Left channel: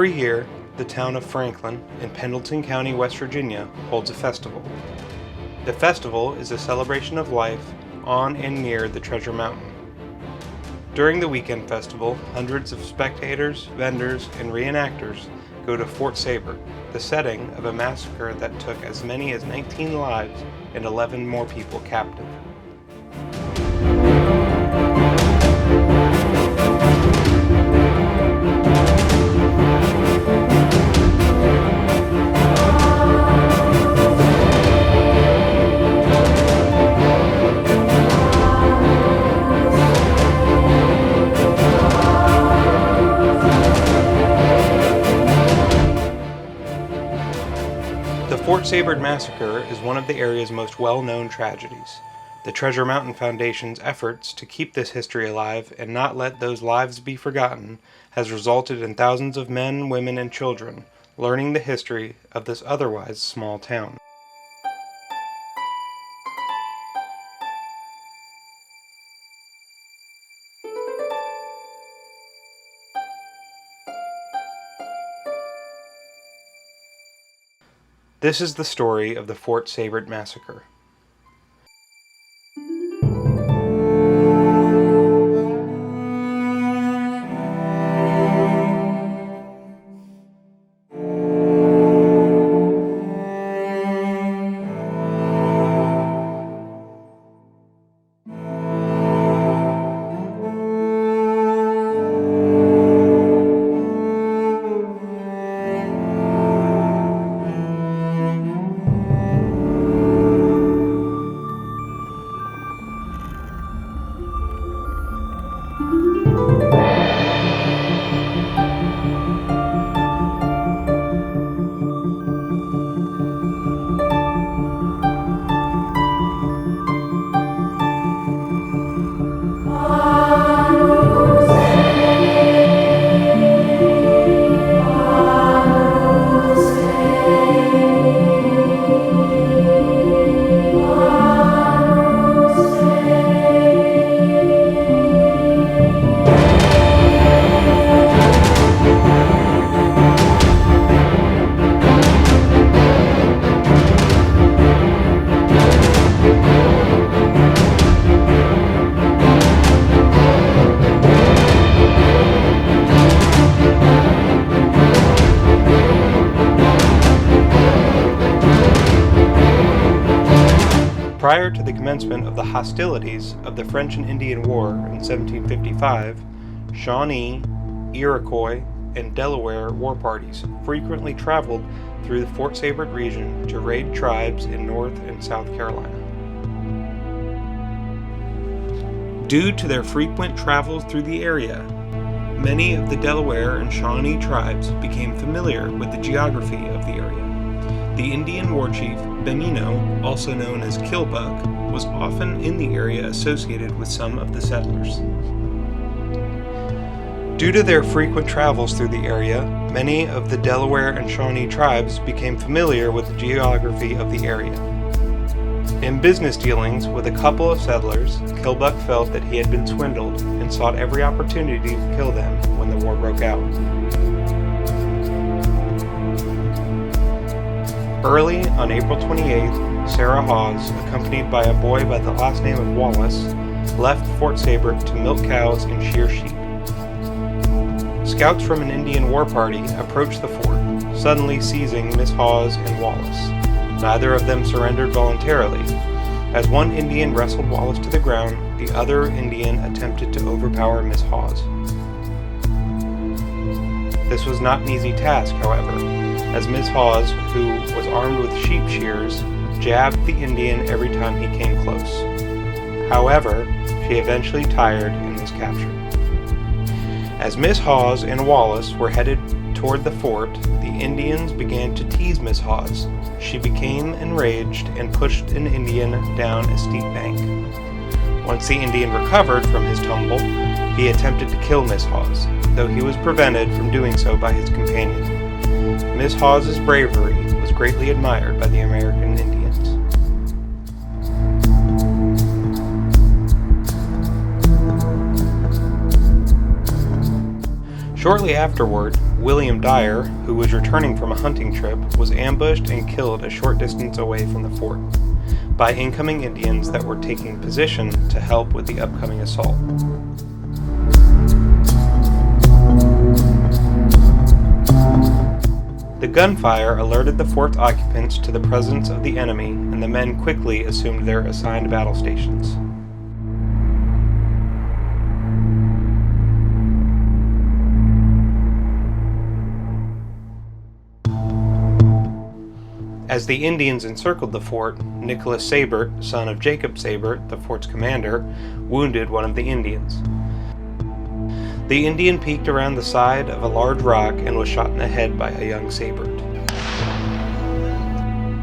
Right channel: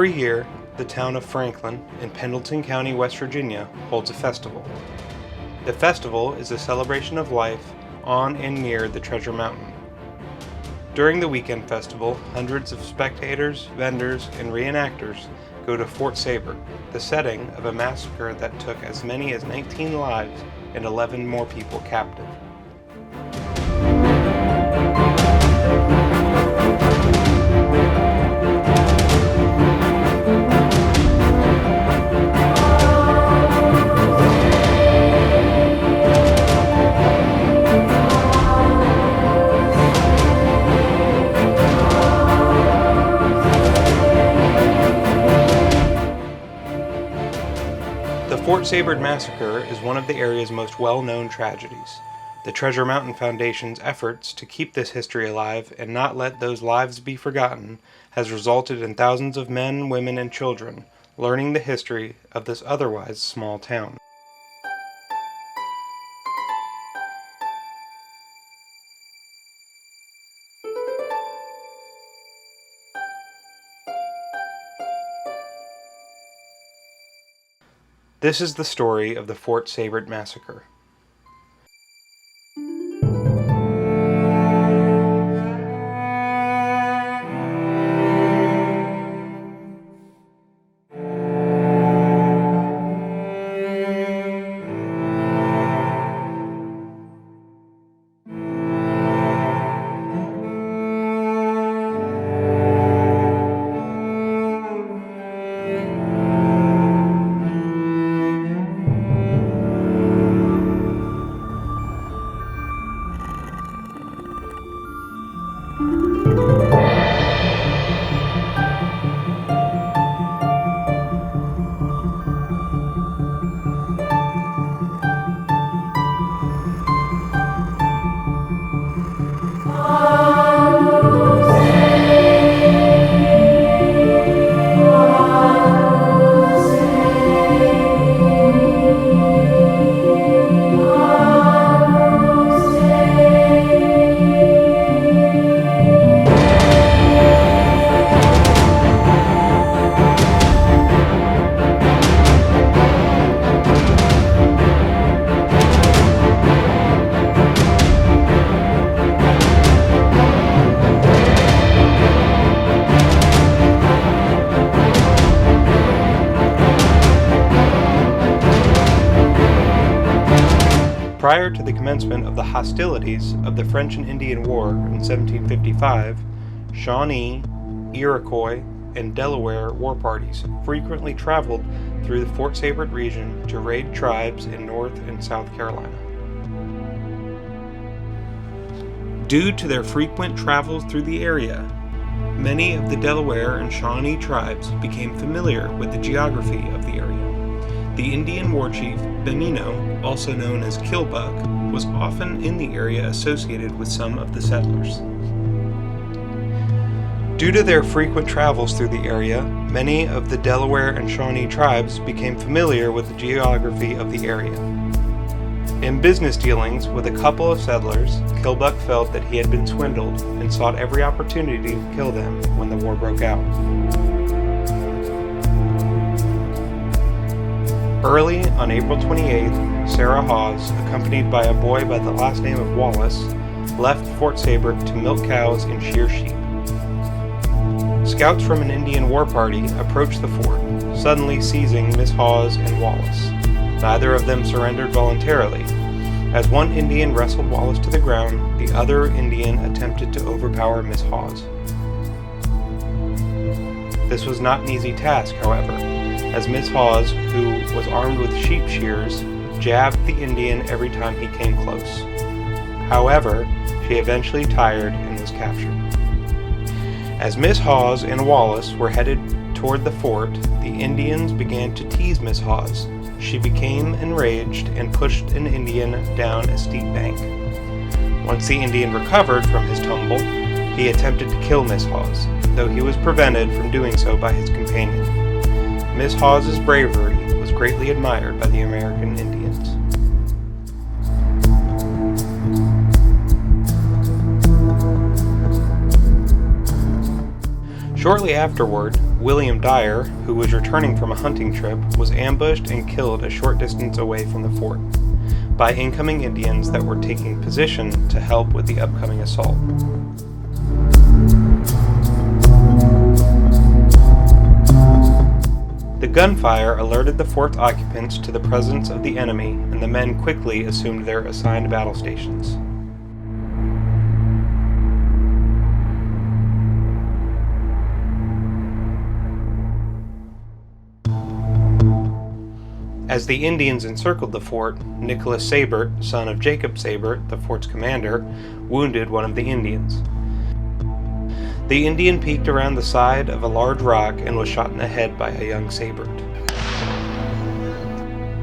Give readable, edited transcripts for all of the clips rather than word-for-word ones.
Every year, the town of Franklin in Pendleton County, West Virginia holds a festival. The festival is a celebration of life on and near the Treasure Mountain. During the weekend festival, hundreds of spectators, vendors, and reenactors go to Fort Seybert, the setting of a massacre that took as many as 19 lives and 11 more people captive. The Fort Seybert Massacre is one of the area's most well-known tragedies. The Treasure Mountain Foundation's efforts to keep this history alive and not let those lives be forgotten has resulted in thousands of men, women, and children learning the history of this otherwise small town. This is the story of the Fort Seybert Massacre. Prior to the commencement of the hostilities of the French and Indian War in 1755, Shawnee, Iroquois, and Delaware war parties frequently traveled through the Fort Seybert region to raid tribes in North and South Carolina. Due to their frequent travels through the area, many of the Delaware and Shawnee tribes became familiar with the geography of the area. The Indian war chief, Bemino, also known as Killbuck, was often in the area associated with some of the settlers. Due to their frequent travels through the area, many of the Delaware and Shawnee tribes became familiar with the geography of the area. In business dealings with a couple of settlers, Killbuck felt that he had been swindled and sought every opportunity to kill them when the war broke out. Early on April 28th, Sarah Hawes, accompanied by a boy by the last name of Wallace, left Fort Seybert to milk cows and shear sheep. Scouts from an Indian war party approached the fort, suddenly seizing Miss Hawes and Wallace. Neither of them surrendered voluntarily. As one Indian wrestled Wallace to the ground, the other Indian attempted to overpower Miss Hawes. This was not an easy task, however, as Miss Hawes, who was armed with sheep shears, jabbed the Indian every time he came close. However, she eventually tired and was captured. As Miss Hawes and Wallace were headed toward the fort, the Indians began to tease Miss Hawes. She became enraged and pushed an Indian down a steep bank. Once the Indian recovered from his tumble, he attempted to kill Miss Hawes, though he was prevented from doing so by his companion. Miss Hawes' bravery was greatly admired by the American Indians. Shortly afterward, William Dyer, who was returning from a hunting trip, was ambushed and killed a short distance away from the fort by incoming Indians that were taking position to help with the upcoming assault. The gunfire alerted the fort's occupants to the presence of the enemy, and the men quickly assumed their assigned battle stations. As the Indians encircled the fort, Nicholas Seybert, son of Jacob Seybert, the fort's commander, wounded one of the Indians. The Indian peeked around the side of a large rock and was shot in the head by a young Seybert.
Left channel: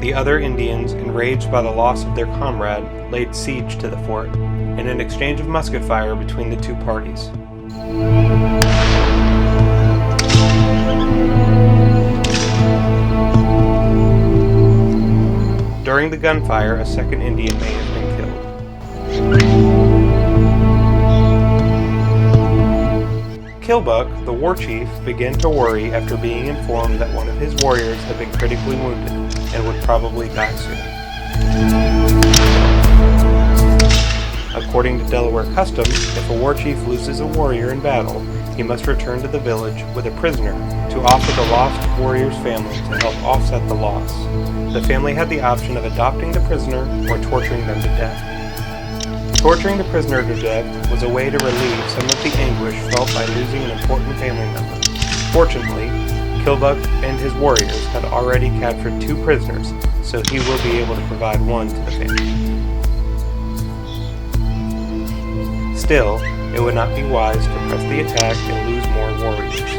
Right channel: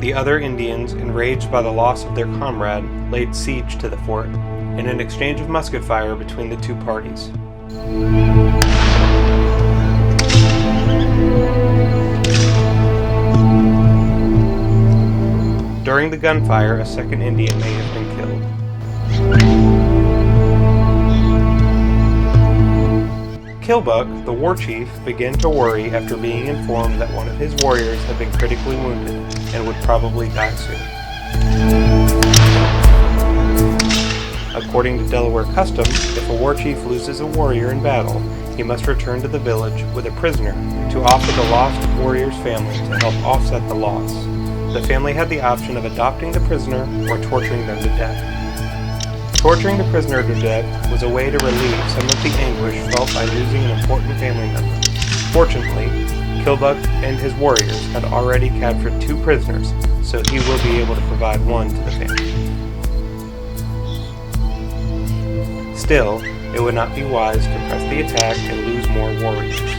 The other Indians, enraged by the loss of their comrade, laid siege to the fort, in an exchange of musket fire between the two parties. During the gunfire, a second Indian may have been killed. Killbuck, the war chief, began to worry after being informed that one of his warriors had been critically wounded and would probably die soon. According to Delaware custom, if a war chief loses a warrior in battle, he must return to the village with a prisoner to offer the lost warrior's family to help offset the loss. The family had the option of adopting the prisoner or torturing them to death. Torturing the prisoner to death was a way to relieve some of the anguish felt by losing an important family member. Fortunately, Killbuck and his warriors had already captured 2 prisoners, so he will be able to provide one to the family. Still, it would not be wise to press the attack and lose more warriors.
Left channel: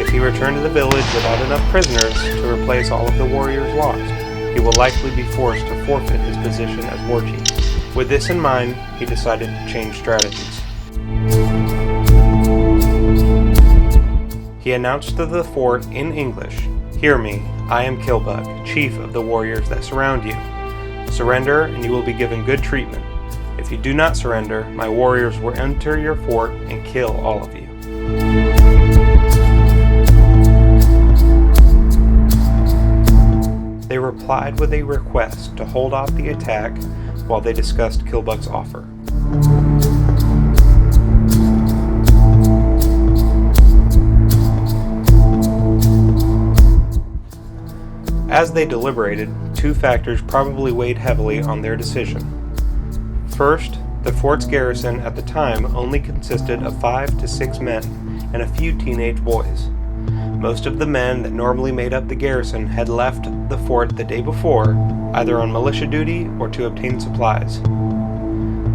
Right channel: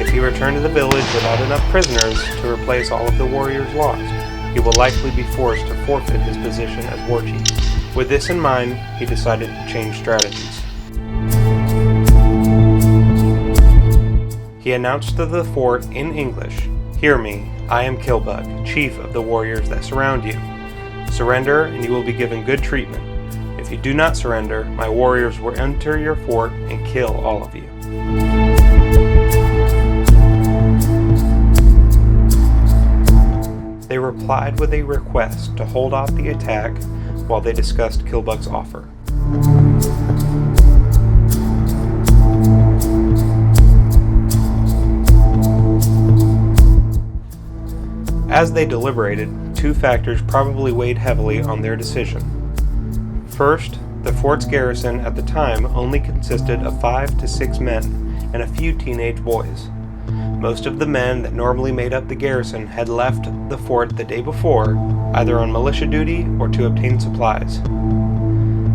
If he returned to the village without enough prisoners to replace all of the warriors lost, he will likely be forced to forfeit his position as war chief. With this in mind, he decided to change strategies. He announced to the fort in English, "Hear me, I am Killbuck, chief of the warriors that surround you. Surrender and you will be given good treatment. If you do not surrender, my warriors will enter your fort and kill all of you." They replied with a request to hold off the attack while they discussed Killbuck's offer. As they deliberated, 2 factors probably weighed heavily on their decision. First, the fort's garrison at the time only consisted of 5 to 6 men and a few teenage boys. Most of the men that normally made up the garrison had left the fort the day before, either on militia duty or to obtain supplies.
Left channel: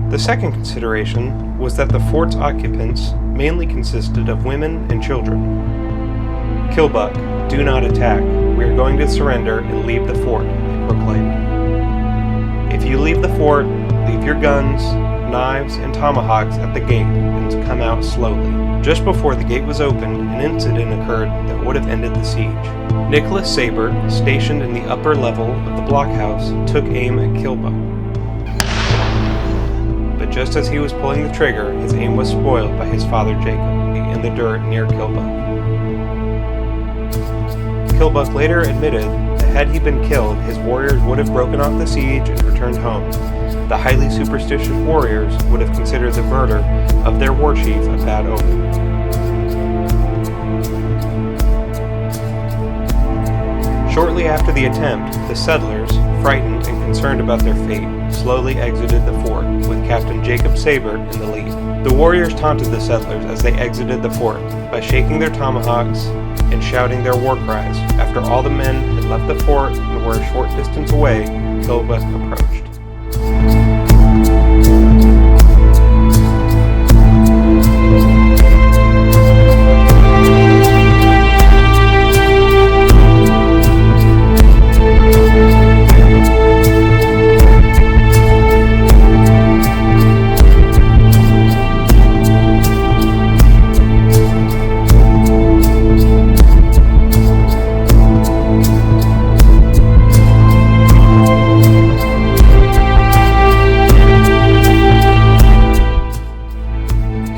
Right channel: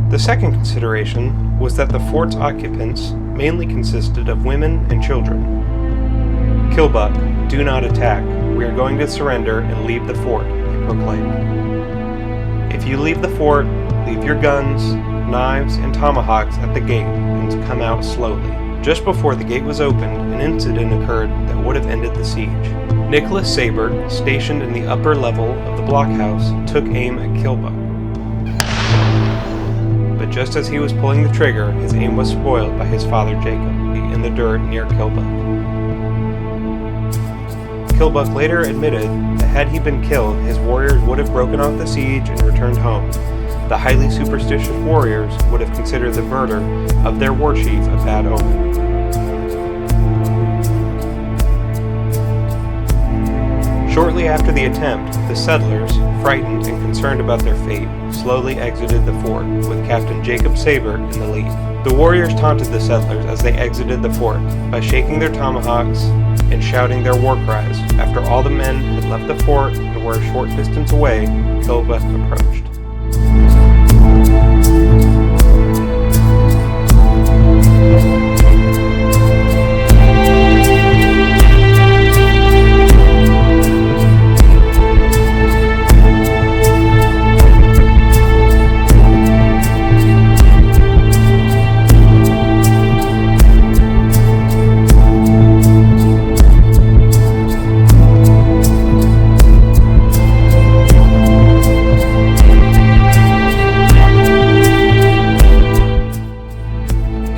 The second consideration was that the fort's occupants mainly consisted of women and children. "Killbuck, do not attack. We are going to surrender and leave the fort," they proclaimed. "If you leave the fort, leave your guns, knives, and tomahawks at the gate and come out slowly." Just before the gate was opened, an incident occurred that would have ended the siege. Nicholas Seybert, stationed in the upper level of the blockhouse, took aim at Killbuck. But just as he was pulling the trigger, his aim was spoiled by his father Jacob, in the dirt near Killbuck. Killbuck later admitted that had he been killed, his warriors would have broken off the siege and returned home. The highly superstitious warriors would have considered the murder of their war chief a bad omen. Shortly after the attempt, the settlers, frightened and concerned about their fate, slowly exited the fort, with Captain Jacob Seybert in the lead. The warriors taunted the settlers as they exited the fort by shaking their tomahawks and shouting their war cries. After all the men had left the fort and were a short distance away, Killbuck approached.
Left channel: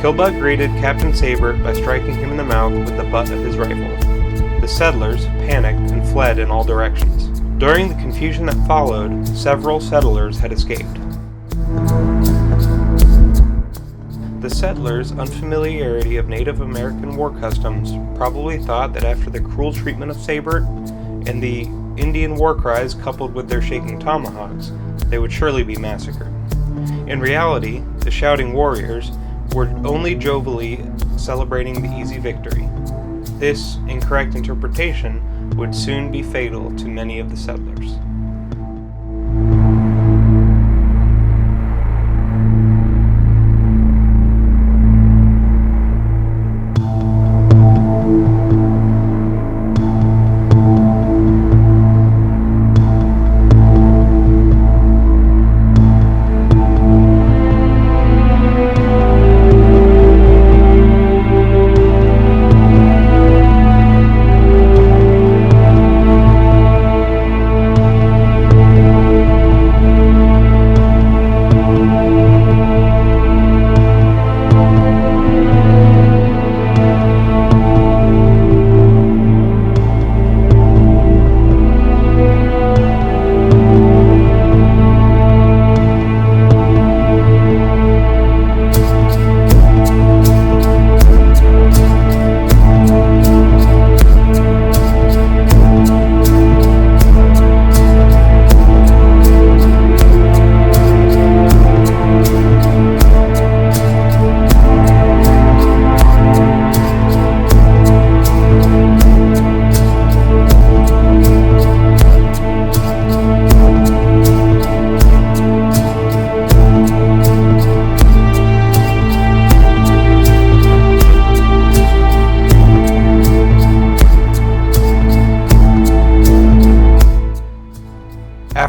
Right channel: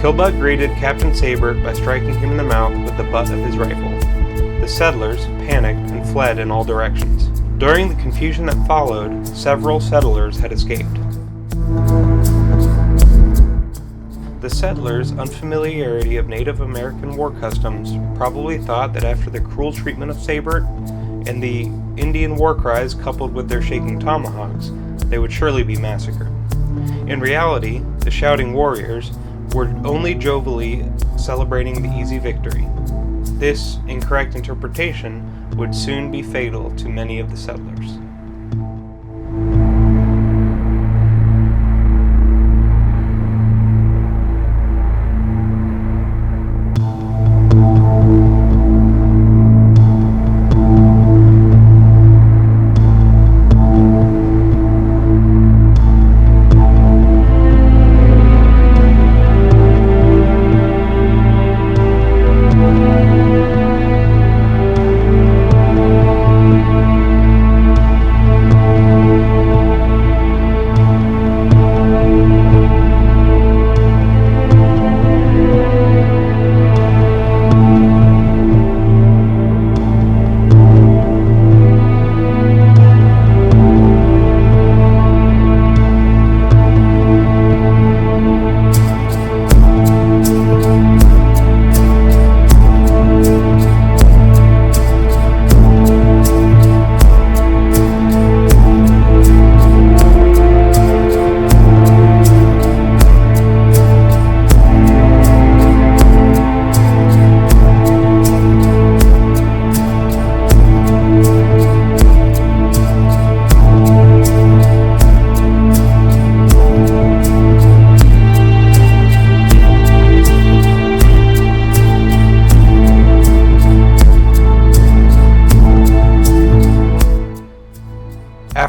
Killbuck greeted Captain Seybert by striking him in the mouth with the butt of his rifle. The settlers panicked and fled in all directions. During the confusion that followed, several settlers had escaped. The settlers' unfamiliarity of Native American war customs probably thought that after the cruel treatment of Seybert and the Indian war cries coupled with their shaking tomahawks, they would surely be massacred. In reality, the shouting warriors were only jovially celebrating the easy victory. This incorrect interpretation would soon be fatal to many of the settlers.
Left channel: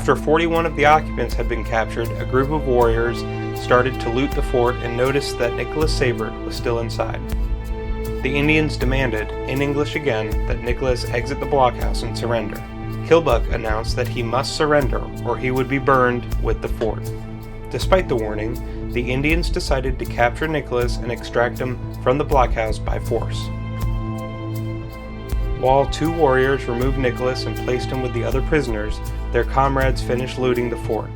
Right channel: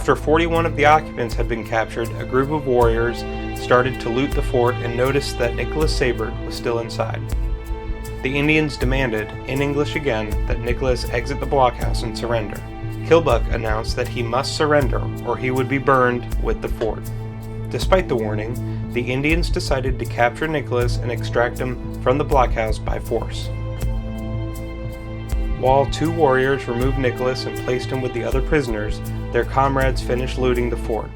After 41 of the occupants had been captured, a group of warriors started to loot the fort and noticed that Nicholas Seybert was still inside. The Indians demanded, in English again, that Nicholas exit the blockhouse and surrender. Killbuck announced that he must surrender or he would be burned with the fort. Despite the warning, the Indians decided to capture Nicholas and extract him from the blockhouse by force. While two warriors removed Nicholas and placed him with the other prisoners, their comrades finished looting the fort.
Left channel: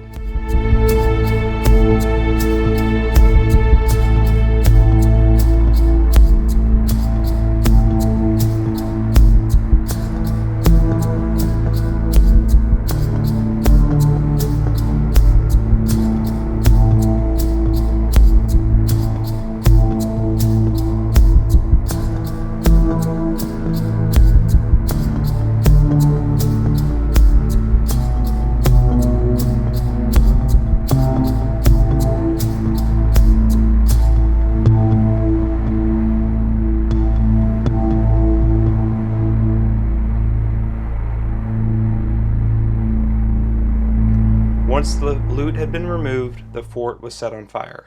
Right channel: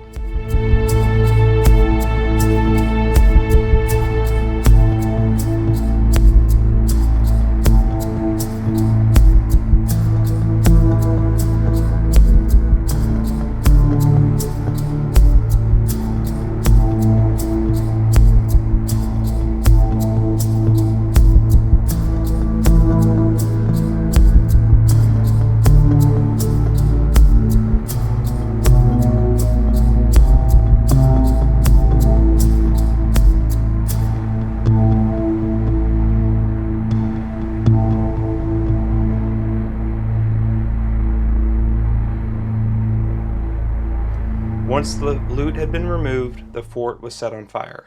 Once the loot had been removed, the fort was set on fire.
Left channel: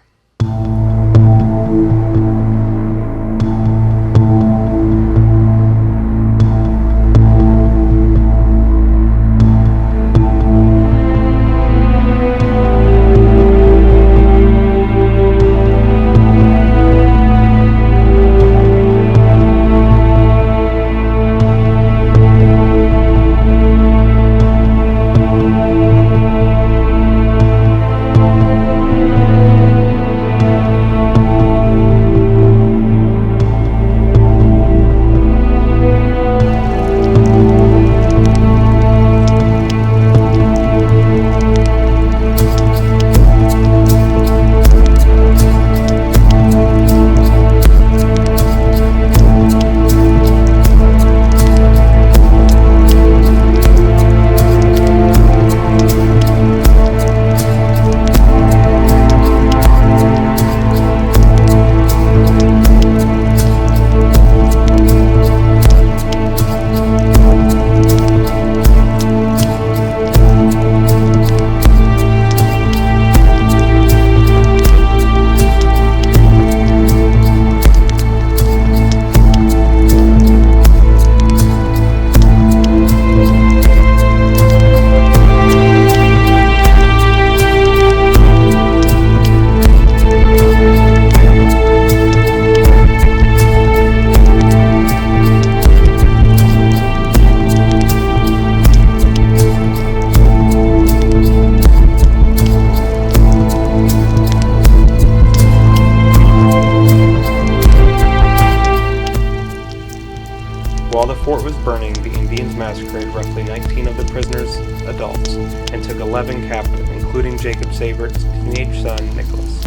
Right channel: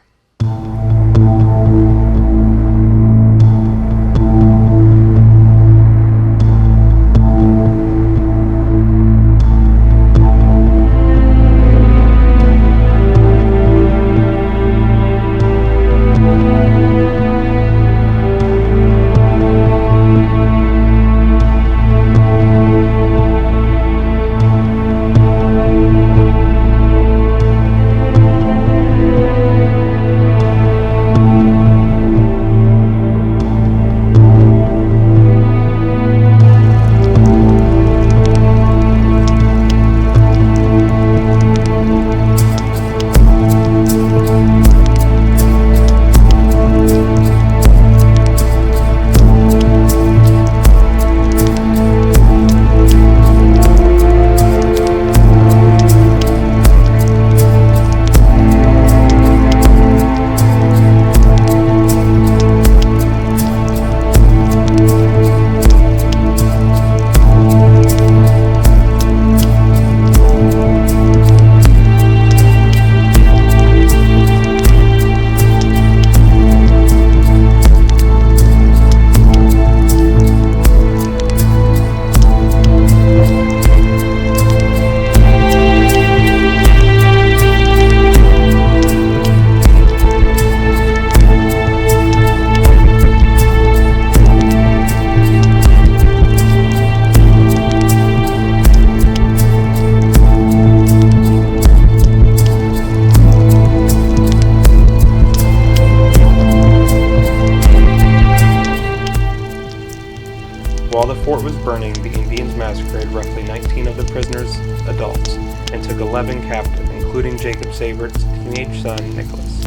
the fort was burning, the Indians massacred roughly 19 of the prisoners' adults and took 11 captive, including Jacob Seybert's teenage son, Nicholas.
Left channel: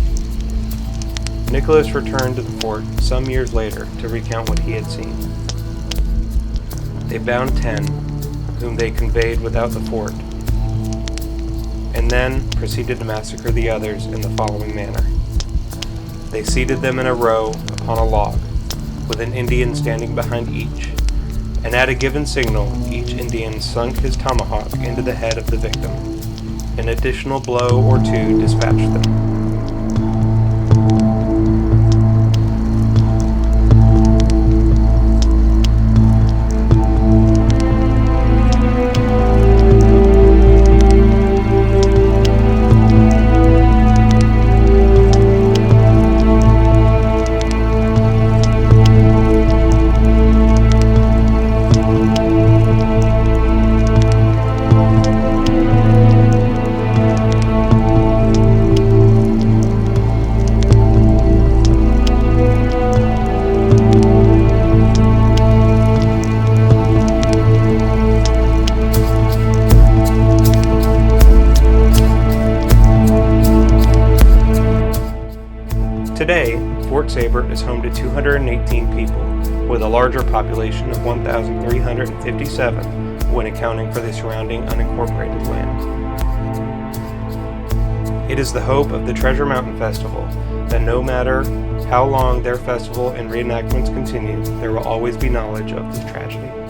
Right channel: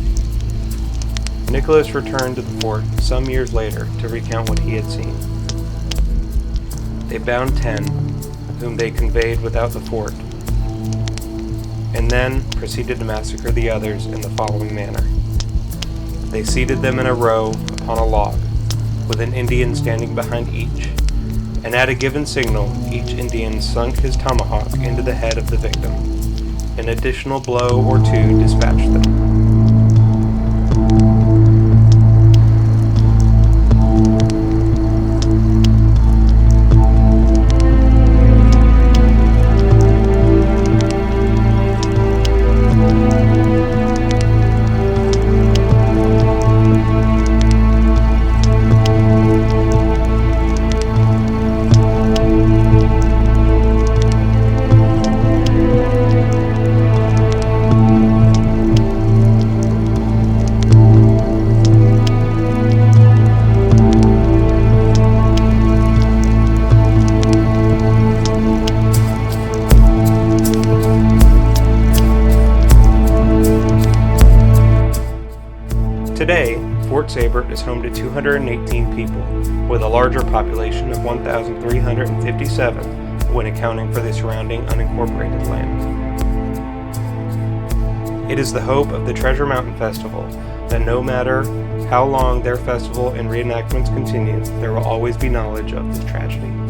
Nicholas returned to the fort some years later to recount what he had seen. They bound 10, whom they conveyed without the fort, and then proceeded to massacre the others in the following manner. They seated them in a row upon a log, with an Indian standing behind each, and at a given signal, each Indian sunk his tomahawk into the head of the victim. An additional blow or two dispatched them. Today, Fort Seybert is home to 218 people, with a larger population of 1,357 when accounting for the surrounding unincorporated land. It is the hope of the Treasure Mountain Festival that no matter how long their festival and reenactments continue, there will always be knowledge of this tragedy.